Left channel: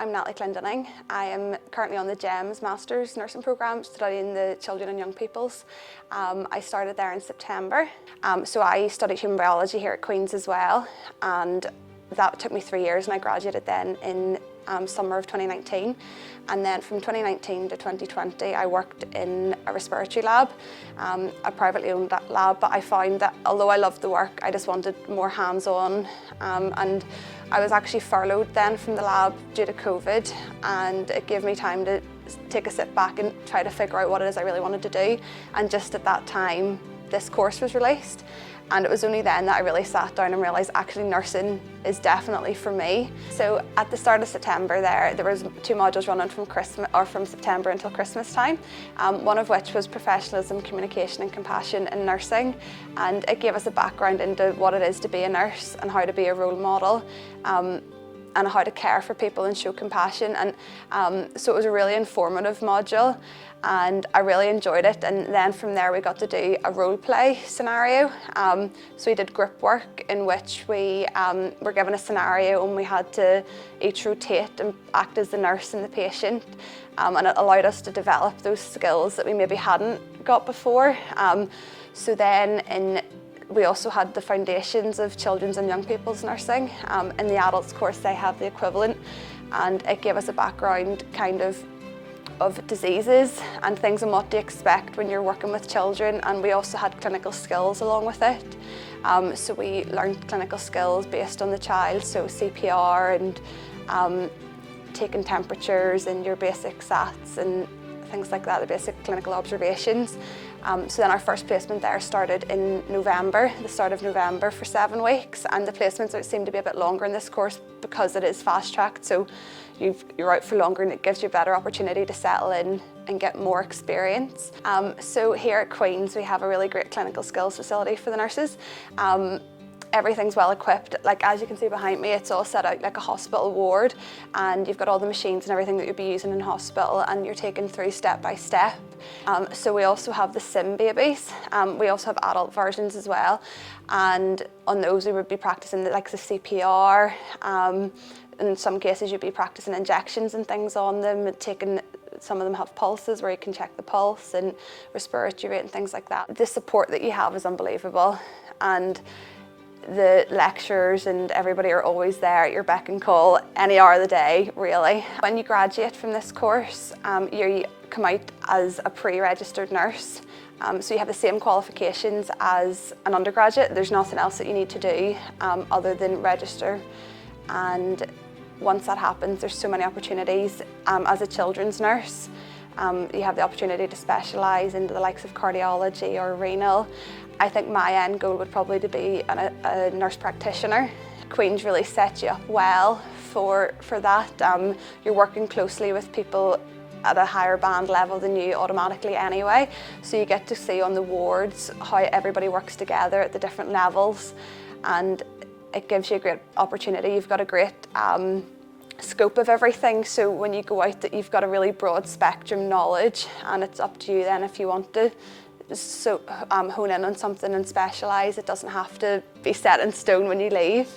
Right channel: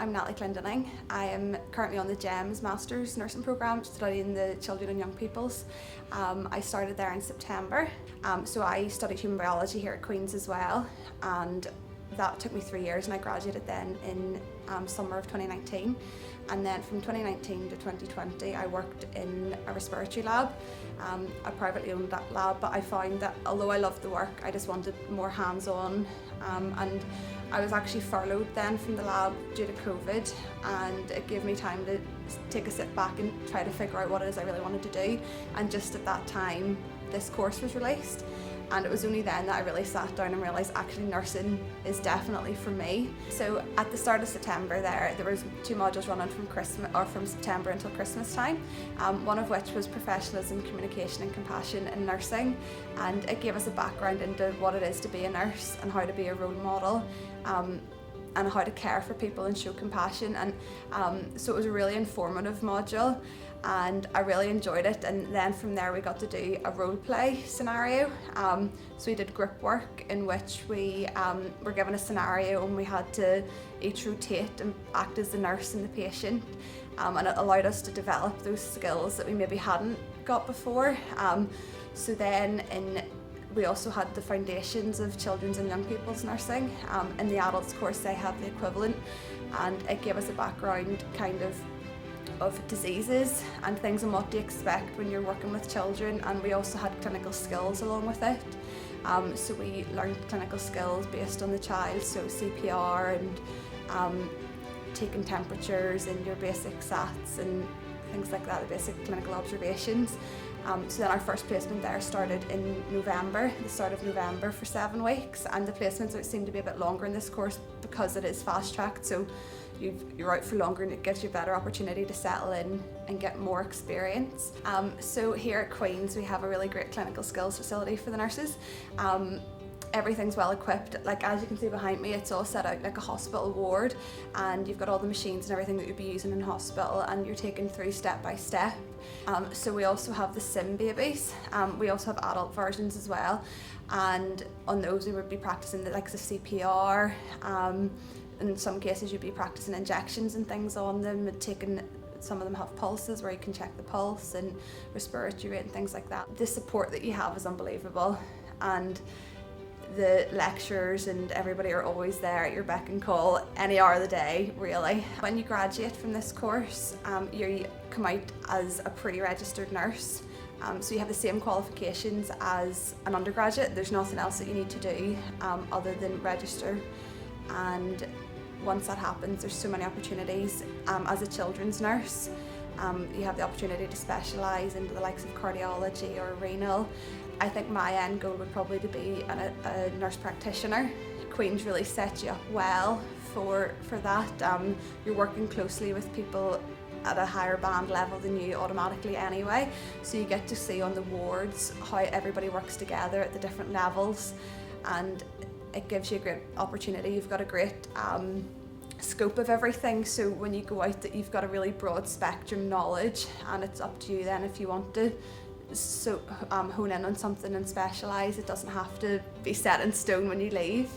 I'm Natalie Clendenning. I am currently on the GEMS Masters Nursing Programme studying the children and young peoples. I started there in September. So I studied human biology here at Queen's as well, and that took me 3 years, and I graduated then in summer of 2019. And then from 2019 to 2020 I worked in a respiratory lab, a privately owned lab, but I found that although I loved the work, I just wanted more hands-on, and I was actually furloughed then from the lab due to COVID, and it gave me time to take a sit back and try to figure out what it is I really wanted to do. And just at that time this course was released, and it was only then that I really sat down and realised actually nursing is definitely for me. So at the start of September there was 2 modules running from September until Christmas time, one of which was professionalism, communication and compassion in nursing, and it gave us a background into what it is to be a nurse and how to be a role model, and how to care for people and show compassion. And so it was a really informative module, and I really enjoyed it. And then from there we got to do a role play scenario. So we did group work in which we were given a scenario and we had to each rotate and act as the nurse and the patient, and it allowed us to develop those skills that we maybe hadn't got before. So then we also had the foundations of children's and young people's nursing. In the adults course they have the equivalent, and it gave us a background kind of diseases and things and what to expect when you're working with children, and we also had clinical skills along with it. So we learned clinical skills based on the child, so CPR and taking temperatures and your basic SATs and things like that, the basic clinical observations. So then our first placement there started in November, the start of November, for 7 weeks, and the placements seem to be a bit longer in this course because it is fast-tracked, so you're out for longer and it gives you a better opportunity to settle in and get more experience. So here at Queen's we have a really great clinical skills facility for the nurses. Everything's well equipped. Like as you can see behind me, it's all set out like a hospital ward, and you've got all the machines and everything that you'd be using in hospital, and you're taken through step by step. So we also have the sim babies. We also have adult versions as well, and on those we would be practicing the CPR. In some cases you'd be practicing injections and things on them, and some of them have pulses where you can check the pulse and respiratory rate and things like that. The support that you have is unbelievable, and the lecturers and everybody are always there at your beck and call any hour of the day, really. When you graduate from this course, you come out as a pre-registered nurse. So you have the same qualifications as an undergraduate. There's nothing else that you need to do other than register. And once that happens, there's so many opportunities. As a children's nurse, you have the opportunity to specialise into the likes of cardiology or renal. I think my end goal would probably to be a nurse practitioner. Queen's really set you up well for that. You're working closely with people at a higher band level than you automatically anyway, so you get to see on the wards how everybody works together at the different levels, and it gives you a great opportunity. You've got a great scope of everything, so when you go out that you've got a really broad spectrum knowledge, and it's up to you then if you want to hone in on something and specialise. It doesn't have to be set in stone when you leave.